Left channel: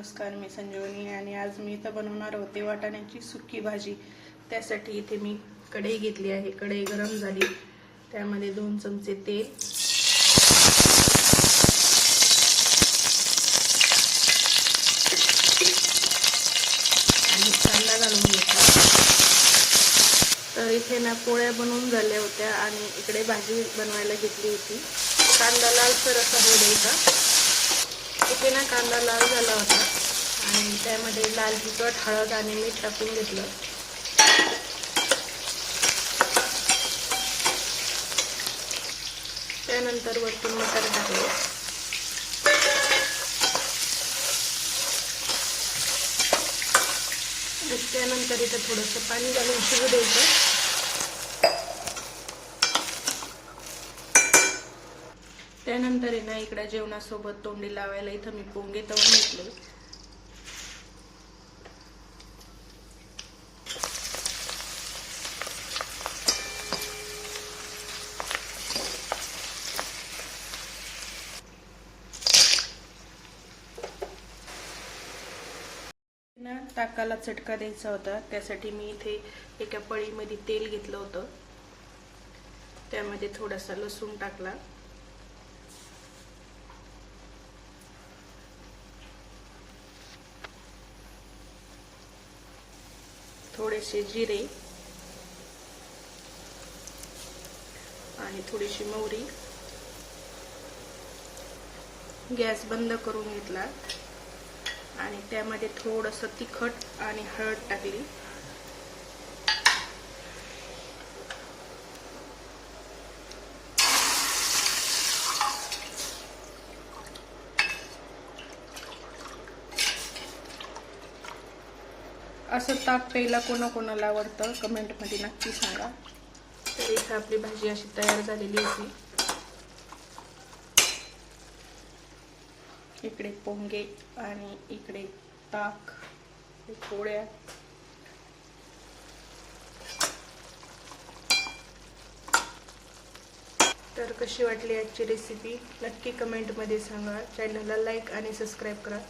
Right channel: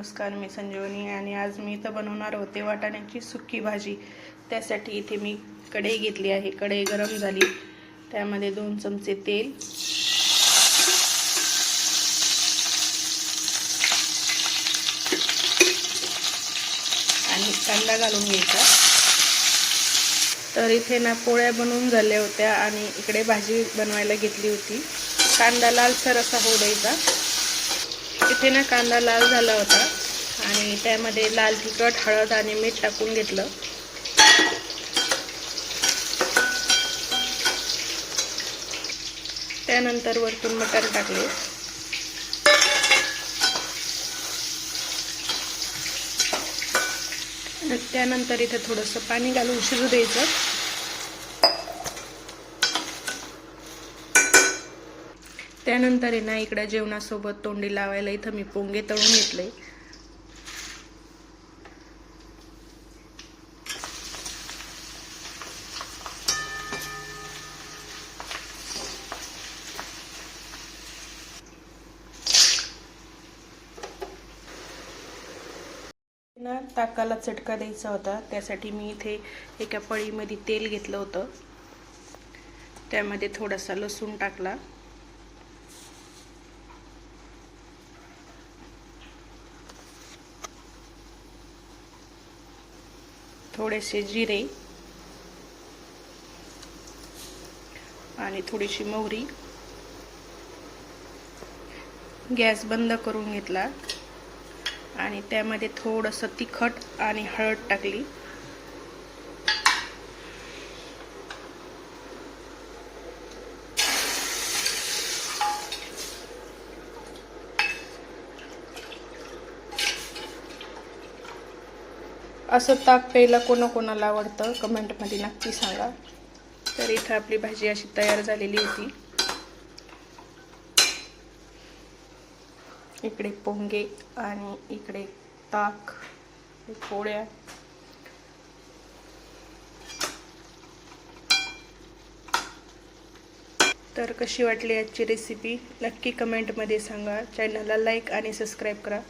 नमस्कार, मी संजीवनी आणि आज मी इथं बनवणार होते वाटाण्याची सुकी भाजी। त्यासाठी इथे मी कढई घेतली आहे। कढई गरम झाली, त्यामध्ये 2 चमचे तेल आणि कांदा घालून घ्यायचा। तर इथे ना पोळ्या बनवून झाल्या होत्या आणि इकडे भाजी बनवायला घेतली होती। कांदा लालसर असा होऊ द्यायचा। इथे ना कांदा लाल झाला होता आणि त्यामध्ये लाल तिखट, हळद आणि मीठ टाकून घेतलं। त्यानंतर वरतून मटार टाकले। त्यानंतर इथे थोडंसं पाणी घालून शिजू द्यायचं। त्यानंतर ना इकडे जेवणासोबत तोंडी लावायला इथं मी पोंगे तळून घेतले। ना ताकाला चटका द्यायचा होता, त्यासाठी मी इथे एका पळीमध्ये तेल घेतलं होतं। त्यामध्ये थोडासा लसूण टाकला, थोडेसे जिरे आणि थोडीशी मोहरी। गॅस बंद करून घेतला आणि त्यामध्ये थोडंसं तिखट आणि हळद टाकली। असं ताक प्यायला कोणाकोणाला आवडतं कमेंटमध्ये नक्की सांगा। तर इथे आपली भाजी अशी तयार झालेली होती। इकडे पोंगे आणि इकडे ताक, पोळ्या। तर कशी वाटली आजची रेसिपी नक्की कमेंटमध्ये सांगा। चॅनलला लाईक आणि सबस्क्राईब करा।